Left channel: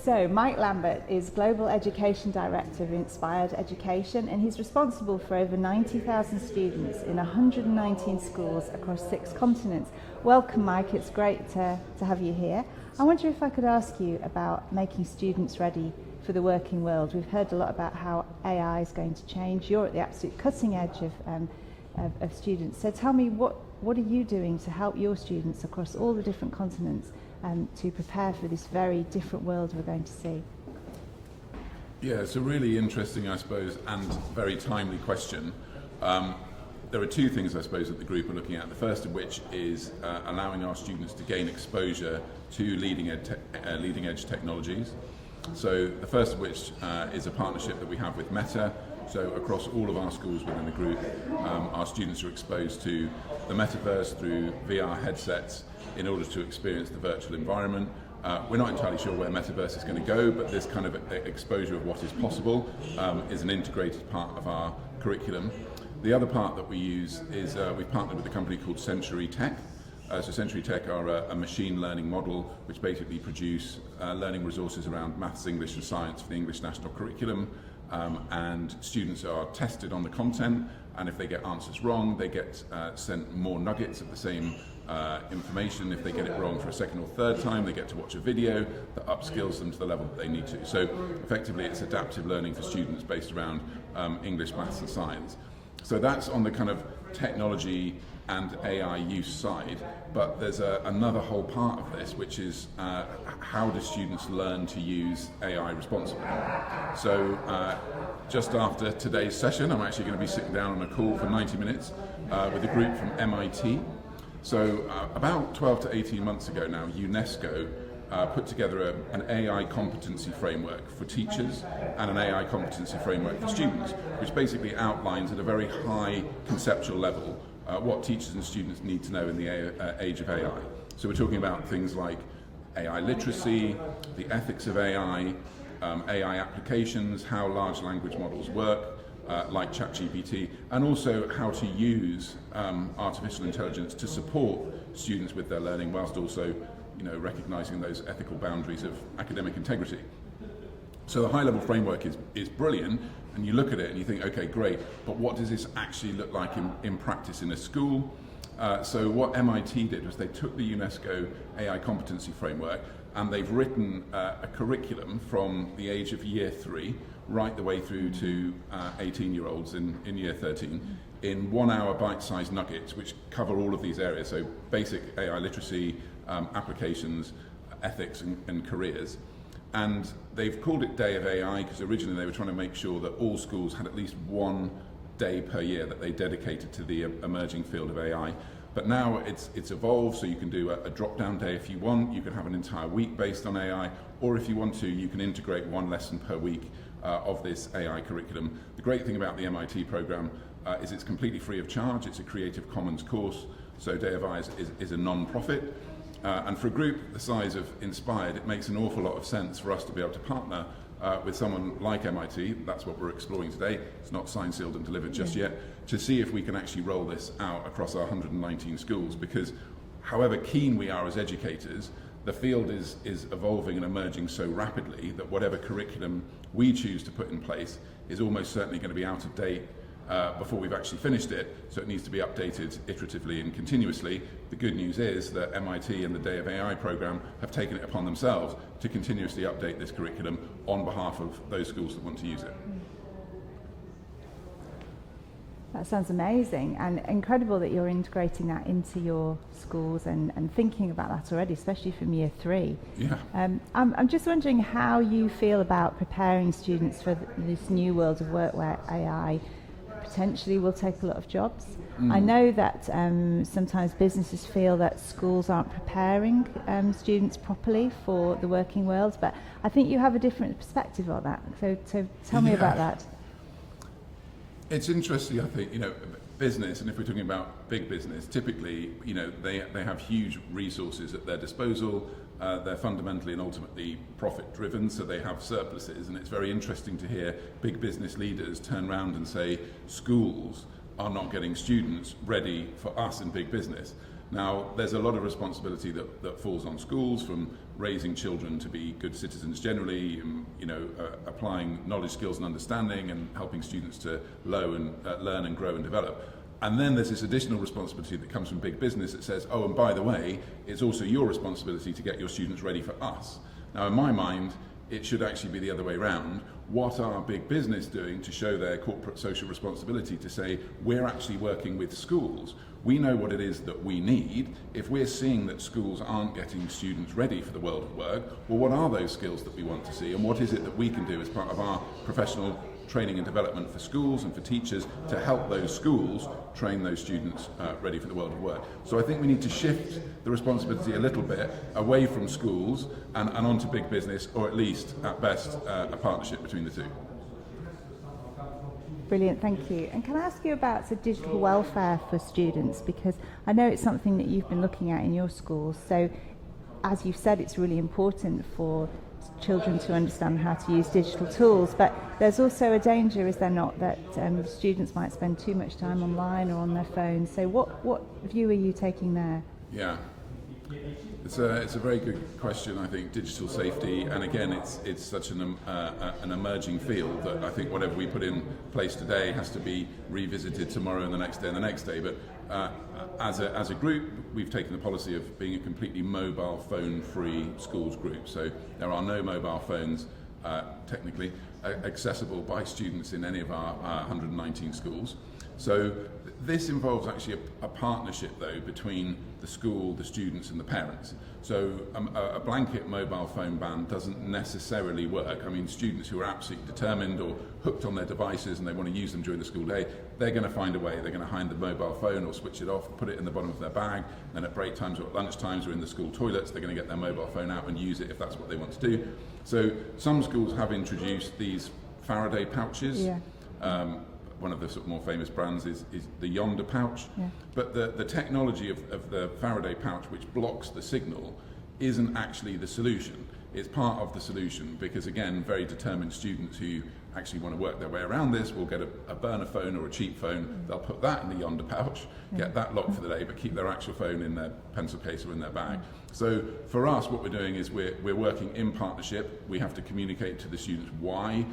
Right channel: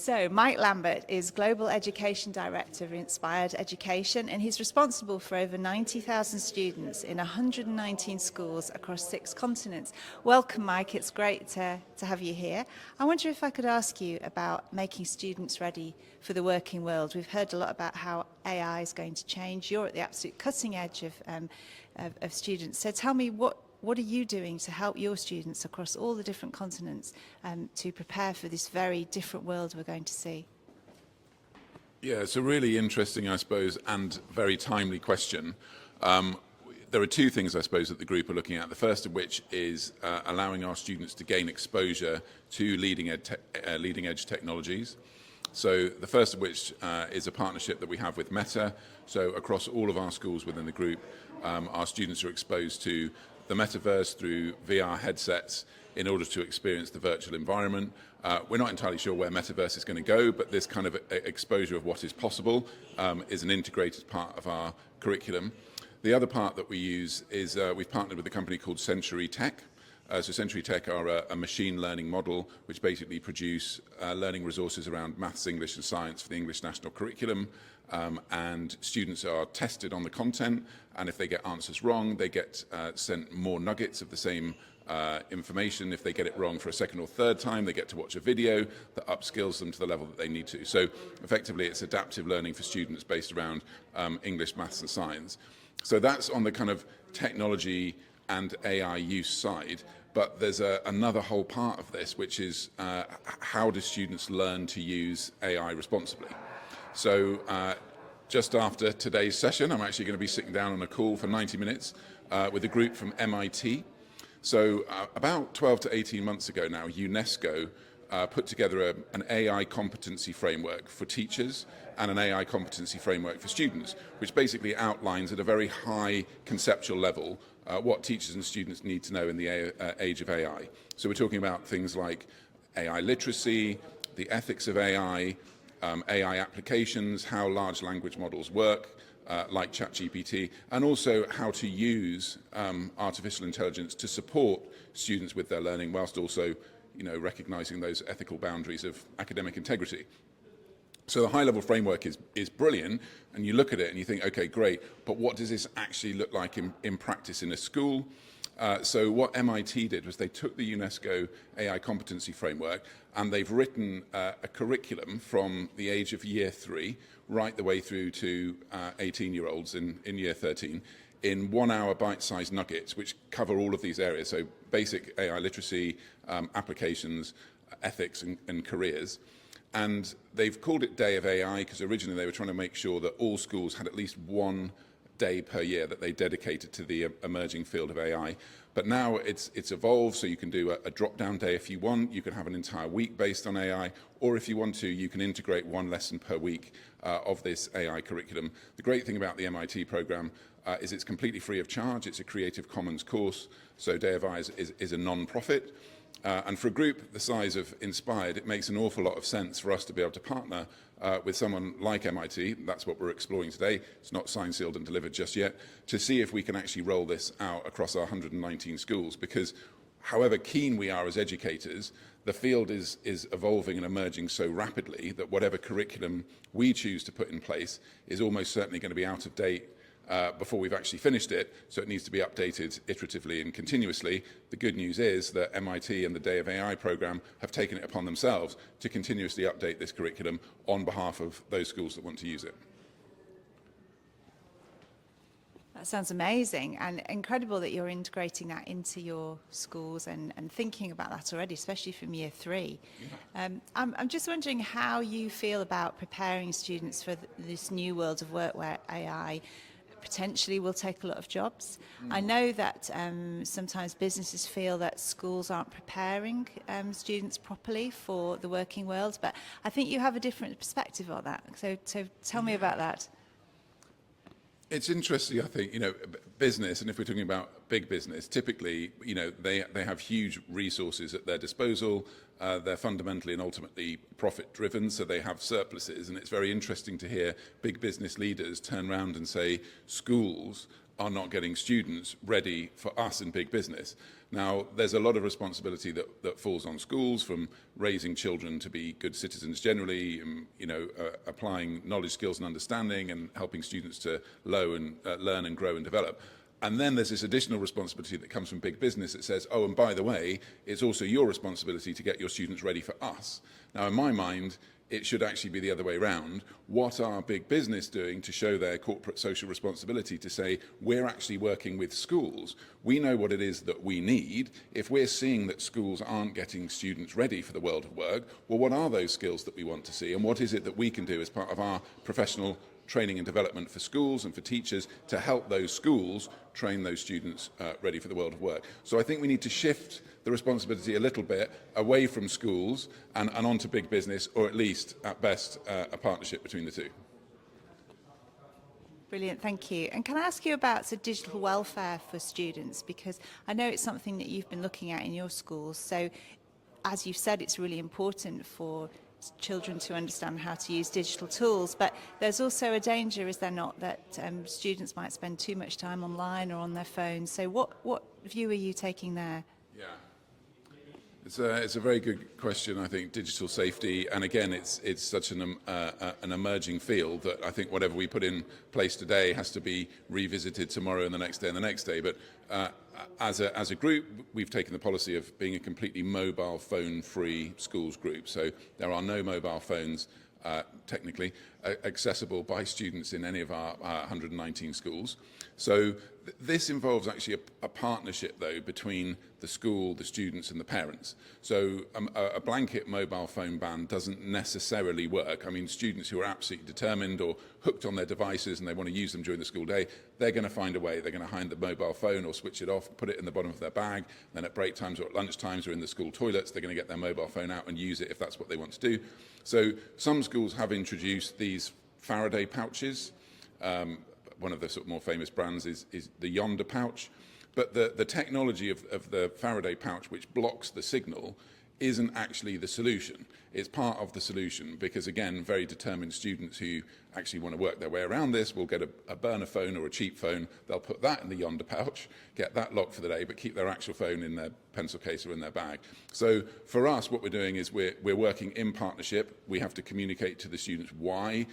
So Mike Lambert is Global Education Director of Inspired Education, and he's responsible for over 90,000 students in 119 schools across 6 continents. Welcome, Mike. It's great to have you here. I wonder if I could ask you about making students ready for the working world. We've heard a lot about how AI is going to change. You're at the absolute cutting edge of students. So tell me, what are you doing to help your students across all the different continents to prepare for this very different world we're going to see? Yeah, it's a really interesting, I suppose, and very timely question. There are 2 things, I suppose, that the group are looking at. The first of which is allowing our students to gain exposure to leading edge technologies. So the first of which is a partnership that we have with Meta. So across all of our schools within the group, our students are exposed to the metaverse through VR headsets in order to experience the virtual environment. We're not entirely sure where metaverse is going to go, but this kind of exposure of what is possible is an integrated part of our curriculum. The other part that we use is we've partnered with a company called Century Tech. So Century Tech are a machine learning model which basically produce learning resources around maths, English and science for the English National Curriculum, and students are tested on the content, and if they get answers wrong they get sent more nuggets of the same information. If they get it wrong for a second or third time, they get to watch a video that upskills them to the level that they need to. So effectively it's adaptive learning for students based around English, maths and science. So that's on the kind of technology and AI use side, but there's another whole part of this, which is how do students learn to use AI responsibly. So just after today's session, I'm actually going to be sitting down on a call for 90 minutes with a group from MIT. So about 12 to 18 months ago now, UNESCO put together an AI competency framework for teachers and an AI competency framework for students, which basically outlines at a very high conceptual level what teachers and students need to know in the age of AI. So we're talking about things like AI literacy, the ethics of AI, AI applications, how large language models work, like ChatGPT, and also how to use artificial intelligence to support students with their learning, whilst also, recognizing those ethical boundaries of academic integrity. So the high-level framework is brilliant, and you look at it and you think, okay, great, but what does this actually look like in practice in a school? So what MIT did was they took the UNESCO AI competency framework and they've written a curriculum from the age of year 3 right the way through to 18-year-olds in year 13 in 1-hour bite-sized nuggets which cover all of these areas. So basic AI literacy, applications, ethics and careers. And they've called it Day of AI because originally they were trying to make sure that all schools had at least one day per year that they dedicated to the emerging field of AI. But now it's evolved, so you can do a drop-down day if you want. You can have an entire week based on AI, or if you want to, you can integrate 1 lesson per week of this AI curriculum. The great thing about the MIT program is it's completely free of charge. It's a Creative Commons course, so Day of AI is a non-profit. And for a group the size of Inspired, it makes an awful lot of sense for us to be able to partner with someone like MIT. That's what we're exploring today. It's not signed, sealed and delivered just yet, to see if we can actually roll this out across our 119 schools, because however keen we are as educators, the field is evolving and emerging so rapidly that whatever curriculum we choose to put in place is almost certainly going to be out of date before we've actually finished it, so it needs to be updated iteratively and continuously. The good news is that MIT and the Day of AI program have taken it upon themselves to continuously update this curriculum on behalf of those schools that want to use it. That sounds amazing, and incredible that you're integrating that into your schools and thinking about that already, especially from year 3. Yeah. I'm just wondering how you feel about preparing students for this new world of work where AI potentially will take a lot of jobs. I know that sometimes businesses feel that schools aren't preparing students properly for the working world, but I think you have a different perspective on that. So tell me about that. It's interesting, I think, business, and if we're talking about big business, typically, they have huge resources at their disposal. They're fundamentally and ultimately profit driven, so they have surpluses, and it's very interesting to hear big business leaders turn around and say schools are not getting students ready for us in big business. Now, there's a lot of responsibility that falls on schools, from raising children to be good citizens generally, applying knowledge, skills and understanding, and helping students to learn and grow and develop. And then there's this additional responsibility that comes from big business that says, oh, and by the way, it's also your responsibility to get your students ready for us. Now, in my mind, it should actually be the other way around. What are big business doing to show their corporate social responsibility to say, we're actually working with schools. We know what it is that we need. If we're seeing that schools aren't getting students ready for the world of work, well, what are those skills that we want to see? And what is it that we can do as part of our professional training and development for schools and for teachers to help those schools train those students ready for the world of work. So I think we need to shift the responsibility a little bit away from schools and onto big business, or at least, at best, a partnership between the two. Brilliant, thank you. And can I ask you about digital welfare for students? Because I know it's something that you've been looking at in your schools. So as you've said, it's really important for children to understand how to use digital tools, but there's also a danger, is there not, that students might spend too much time online or on their phones. So what view are you taking there? Yeah, it's a very good question. I think digital safety, and again, it's such an emerging field that I think whatever we put in place today has to be revisited tomorrow and the next day and the next day. But as a group, we've taken the policy of being a completely mobile phone-free schools group. So there are no mobile phones technically accessible by students in any of our 119 schools. So this involves actually a partnership, though, between the school, the students and the parents. So a blanket mobile phone ban doesn't necessarily work. I mean, students who are absolutely determined or hooked on their devices and they want to use them during the school day, they're going to find a way. They're going to hide the mobile phone or switch it off, put it in the bottom of their bag, then at break times or at lunch times or in the school toilets, they're going to get their mobile phone out and use it if that's what they want to do. So some schools have introduced these Faraday pouches. Yeah. One of the sort of more famous brands is the Yonder pouch. Yeah. But the technology of the Faraday pouch, which blocks the signal, isn't actually the solution. It's part of the solution because, again, very determined students who actually want to work their way around this will get a burner phone or a cheap phone. They'll put that in the Yonder pouch, get that locked for the day, but keep their actual phone in their pencil case or in their bag. So for us, what we're doing is we're working in partnership. We have to communicate to the students why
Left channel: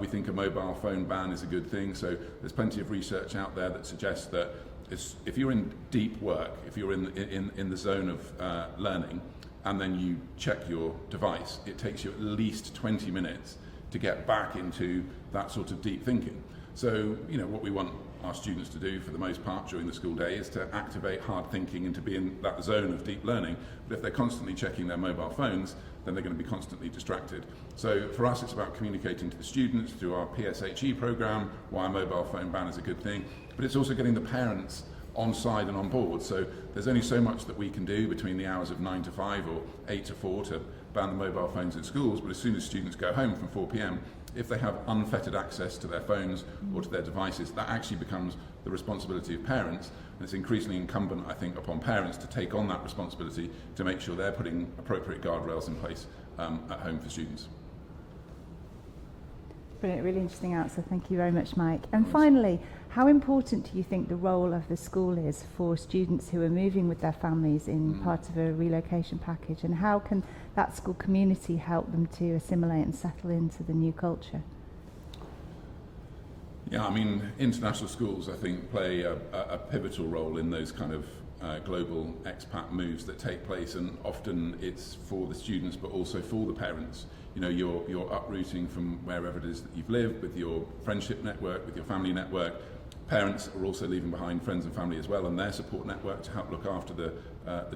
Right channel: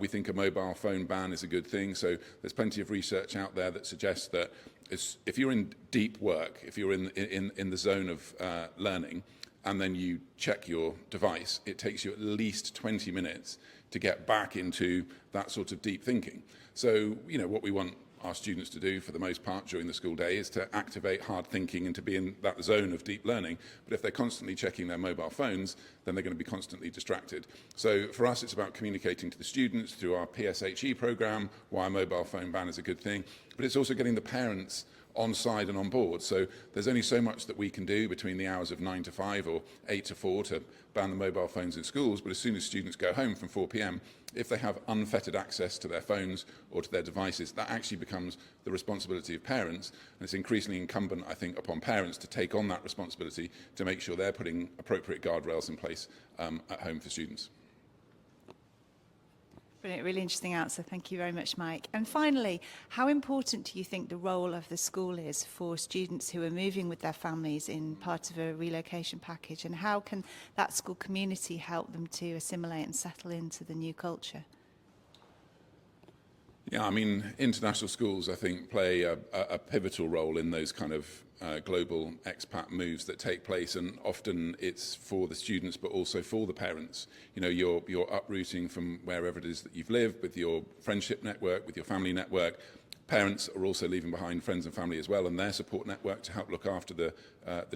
we think a mobile phone ban is a good thing. So there's plenty of research out there that suggests that if you're in deep work, if you're in the zone of learning, and then you check your device, it takes you at least 20 minutes to get back into that sort of deep thinking. So, what we want our students to do for the most part during the school day is to activate hard thinking and to be in that zone of deep learning. But if they're constantly checking their mobile phones, then they're going to be constantly distracted. So for us, it's about communicating to the students through our PSHE program why a mobile phone ban is a good thing, but it's also getting the parents on side and on board. So there's only so much that we can do between the hours of 9 to 5 or 8 to 4 to ban the mobile phones in schools, but as soon as students go home from 4 p.m, if they have unfettered access to their phones or to their devices, that actually becomes the responsibility of parents. And it's increasingly incumbent, I think, upon parents to take on that responsibility to make sure they're putting appropriate guardrails in place at home for students. Brilliant, really interesting answer. Thank you very much, Mike. And finally, how important do you think the role of the school is for students who are moving with their families in part of a relocation package, and how can that school community help them to assimilate and settle into the new culture? Yeah, I mean, international schools, I think, play a pivotal role in those kind of global expat moves that take place, and often it's for the students but also for the parents. You're uprooting from wherever it is that you've lived with your friendship network, with your family network. Parents are also leaving behind friends and family as well, and their support network to help look after the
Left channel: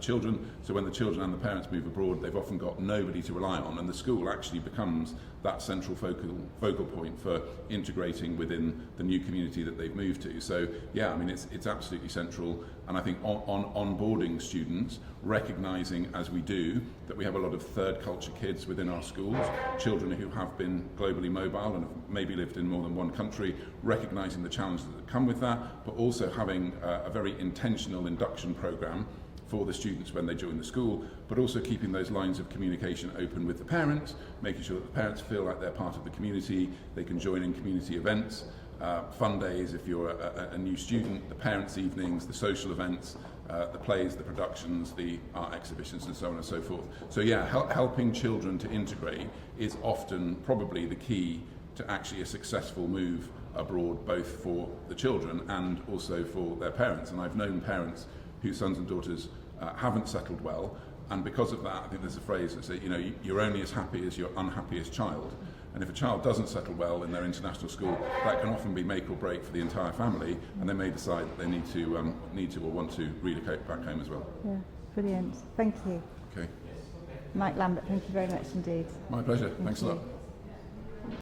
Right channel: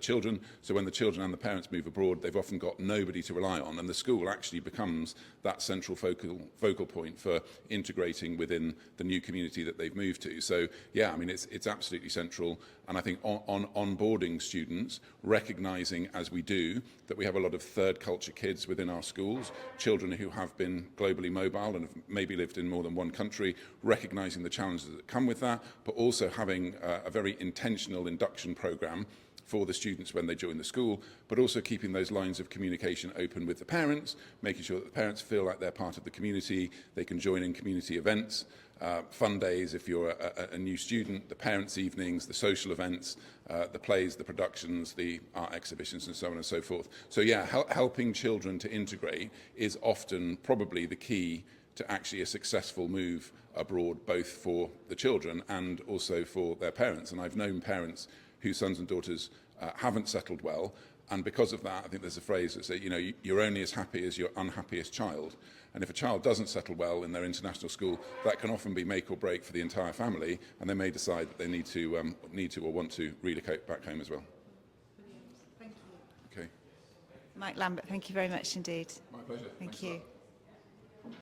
children. So when the children and the parents move abroad, they've often got nobody to rely on, and the school actually becomes that central focal point for integrating within the new community that they've moved to. So yeah, I mean, it's absolutely central, and I think on onboarding students, recognising as we do that we have a lot of third culture kids within our schools, children who have been globally mobile and have maybe lived in more than one country, recognising the challenges that come with that, but also having a very intentional induction programme for the students when they join the school, but also keeping those lines of communication open with the parents, making sure that the parents feel like they're part of the community, they can join in community events, fun days if you're a new student, the parents' evenings, the social events, the plays, the productions, the art exhibitions, and so on and so forth. So yeah, helping children to integrate is often probably the key to actually a successful move abroad, both for the children and also for their parents. And I've known parents whose sons and daughters haven't settled well, and because of that, I think there's a phrase that says, you're only as happy as your unhappiest child. And if a child doesn't settle well in their international school, that can often be make or break for the entire family, and they may decide that they need to or want to relocate back home as well. Yeah, brilliant. Thank you. Okay. Mike Lambert, thank you very much indeed. My pleasure. Thanks a lot. Thank you.